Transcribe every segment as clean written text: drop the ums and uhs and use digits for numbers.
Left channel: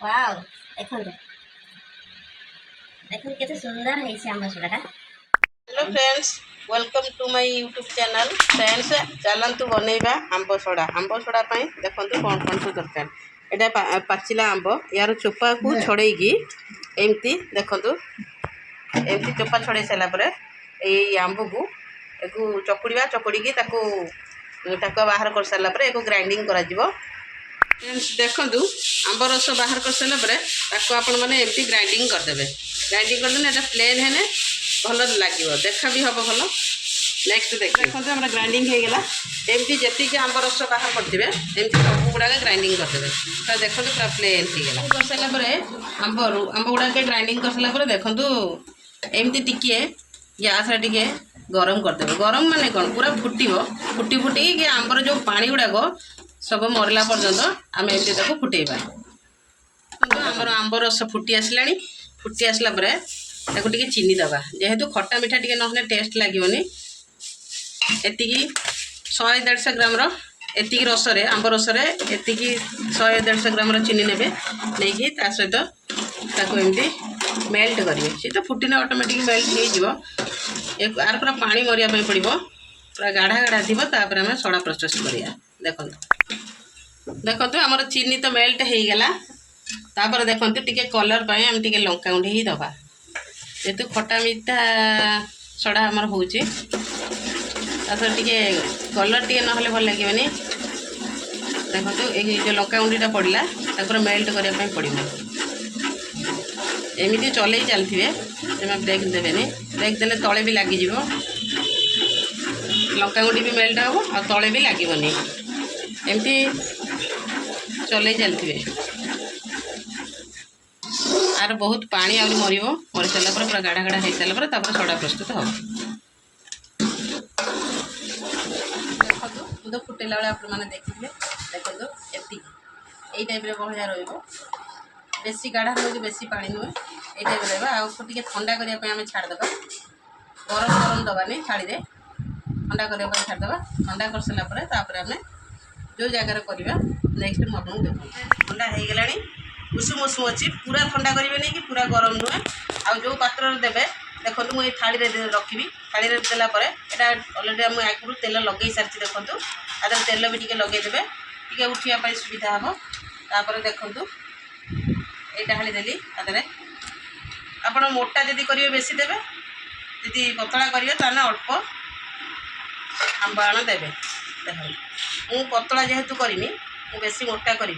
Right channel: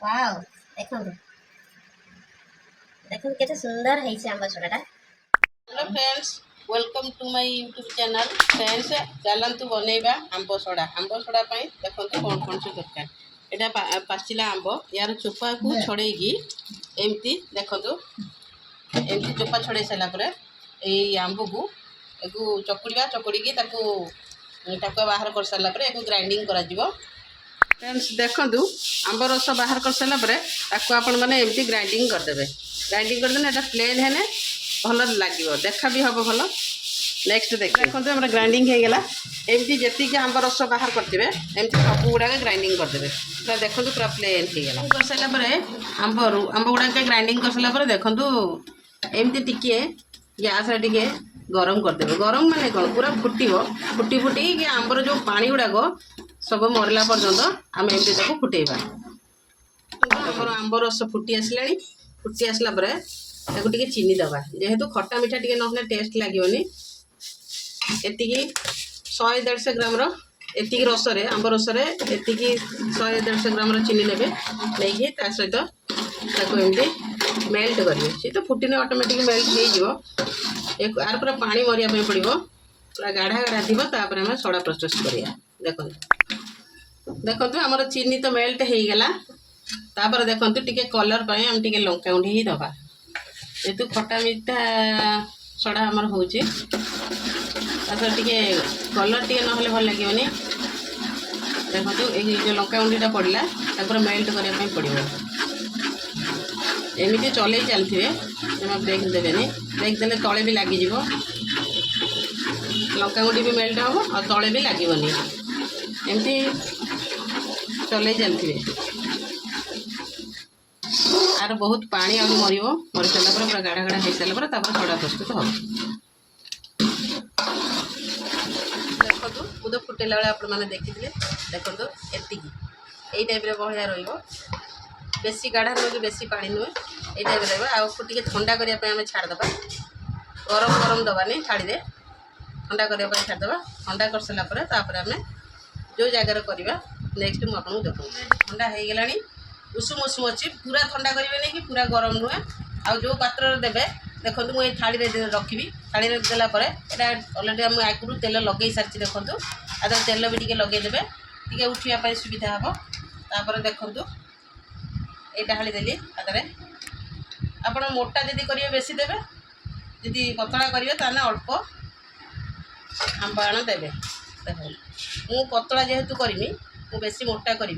Wow देखो देखो केते सुंदर है से आंबा सोडाटा। Hello friends, welcome to my YouTube channel. Friends चलतु बनइबा आंब सोडा। आंब सोडा देखो कौन कौन सब दरकार। यहाँ पाचिला आंब यार चोपा को छड़े एमती देखु एमती चोपा छड़े सारापर यही आंब को चकुड़ा चकुड़ी टाकुआ बाहर कर सारापर एक ग्राइंडिंग कर। फ्रेंड्स देखु आंब रस बाहर कर सारापर आपण मैंने एमती ग्राइंडिंग करदे। ग्राइंडिंग करदे ये प्लेन है भल लगे देखा भी हम भल। नेक्स्ट देखो हम ग्राइंडिंग हो गला एमती जी आंब रस बाहर करेंगे एमती सब गुड़ा ग्राइंडिंग करदे पूरा देखो पूरा प्लेन हो गला। कर सारापर आंब गुड़ा ग्राइंडिंग कर सारापर देखु एमती टिके गैस टे गरम करदे। गरम माने कौन पूरा फुटब फुटी फुटी कि आंबर जो पानी गुड़ाक सब मरला पर्यंत आम एमती फुटेबा। आमर आंब रस फुटी आसला फुटी आसला टे चीनी दबा जेहेतु खट्टा मिठा टे ना टेस्ट लगे। एति 100-150 ग्राम एति रस आंब रस एति 100-150 ग्राम चीनी ने नहीं सहित एमती मेल्ट करेंगे। सी तो फुटिने ऑटोमेटिक मेल्ट हो यार पूरा पानी मरिया पड़ो पूरा गाढ़ा गाढ़ा थी आम सोडा प्रोसेस करिया। देखो देखो आमर चीनी तो मेल्ट हो गला। तापर देखो टिके कलर पाए आम टिके लंका गुंडी ही दबा जेहेतु खट्टा मीठा सोडा आमर हो टिके कलर टिके ना भल लगे। देखो ये लंका गुंडीटा पड़ा पूरा मेल्ट करने पड़ो। एमती चल चलते जमा ब्रेक देवेनि ब्रेक देले तले भी लग लंका गुंडी भी मेल्ट हम और तले भी लगनी एमती चल चलते। आर बहुत पानी आउरी मर सारापर पूरा गाढ़ा गाढ़ा हो सारापर सोडा प्रस्तुत हम। देखो मु तो फुटेला बेले आप देखिए देखो यही टाइप बहलिया बेसी गाढ़ा नुहे कि बेसी पानी नुहे ये टाइप रहा टे ठंडा करने आम छाड़देवा। गरम गरम दबानी छाड़ीदे ठंडा करने छाड़देवा। ठंडा कर सारापर आम जो जगार करवा नेक्स्ट मुझे देखो ठंडा हो गला उषुम उषुम अच्छी पूरा ठंडा करेंगे नहीं कि पूरा गरम नुहे। आउ जो पात्र देवे देखो मुझे थाली रखी थाली देलापर यहाँ अलरेडी आम आगुरी तेल लगे सारी देखो आदर तेल भी टे लगेदेवे टे उठापी सुविधा हम। तापर देखो यहाँ हाली देली आदे आप मोटा जदि करेंगे बेसी देवे जदि पतला करेंगे ताने अल्प आंबाण देवे। देखो मु पतला जेहेतु करमी बेसी मोटा करी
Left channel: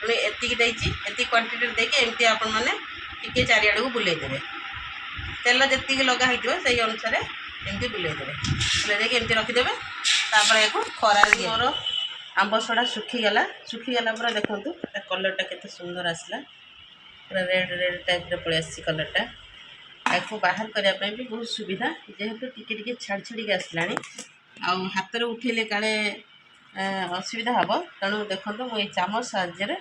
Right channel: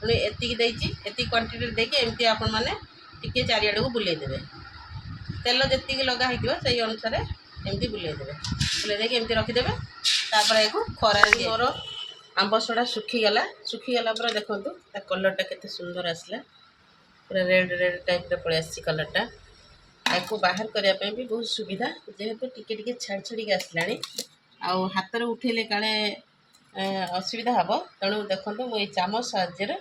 तेणु एति क्वांटिटी देखिए एमती आपण मैंने टिके चारिआड़ को बुलेदेवे तेल जी लगा से अनुसार एमती बुलेदेवे बुले एमती रखिदेवे। तापर या खरा मोर आंब सोडा सुखीगला सुखीगला देखो कलरटा केते सुंदर आसला पूरा रेड रेड टाइप पड़े आसी कलरटा। आपको बाहर करने भी बहुत सुविधा जेहेतु टिके टिके छाड़ छाड़ी आसला आउ हाथ में उठेले काले असुविधा हम। तेणु देखो मुझे चामच साहाଯ୍य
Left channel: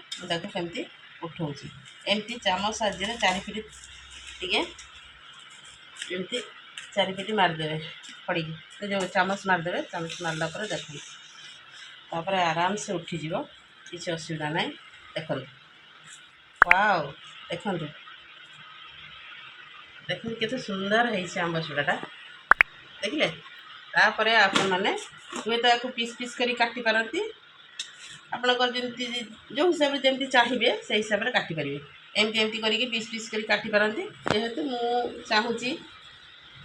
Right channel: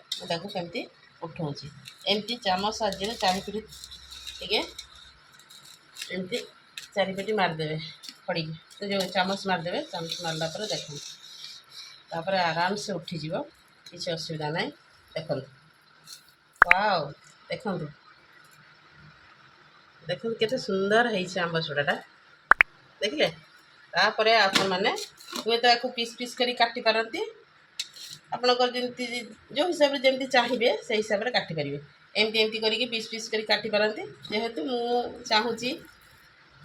कमी उठाऊँ एमती चामच साहाଯ୍य चारिपिटी टे एमती चारिपिटी मारदेवे खड़ी जो चामच मारदेवे चामच मारला देखो तापर आराम से उठीज किसी असुविधा ना। देखो वाओ देखो देखो केते सुंदर है आंब सोडाटा देखिले। तापर आपण मैंने हुए तो आपको पीस पीस करी काटी पारती आपणकर जमी जो हिसाब से जमी चाहिए से हिसाब से काटिपारे एमती एमती करके पीस पीस करी काटी पारती जेहेतु मु चाहूँगी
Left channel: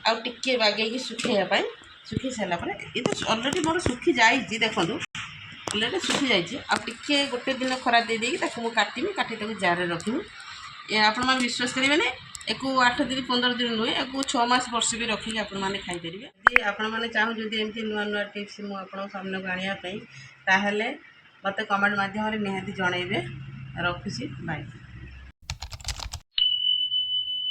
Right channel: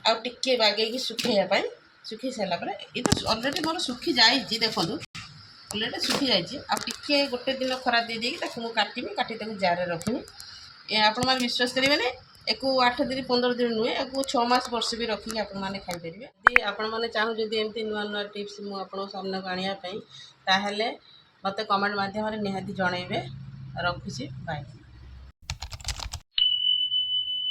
आउ टिके बागेकी सुखाइवाई सुखी सारापर ये तो अलरेडी मोर सुखी जाइए। देखो अलरेडी सुखी जाइए आउे गोटे दिन खरा दे काटमी काटी जार रखी आपण मैंने विश्वास करेंगे एक 8 दिन 15 दिन नुहे एक 6 मास वर्ष भी रखिए आपण मैंने खाईपर। यदि आपण मैंने चाहूँ जब एमती नुआ नुआ टिप्स मुझे सामने को आने मत कमेंट मध्यम निहाती जनइबे। रखुची बाय।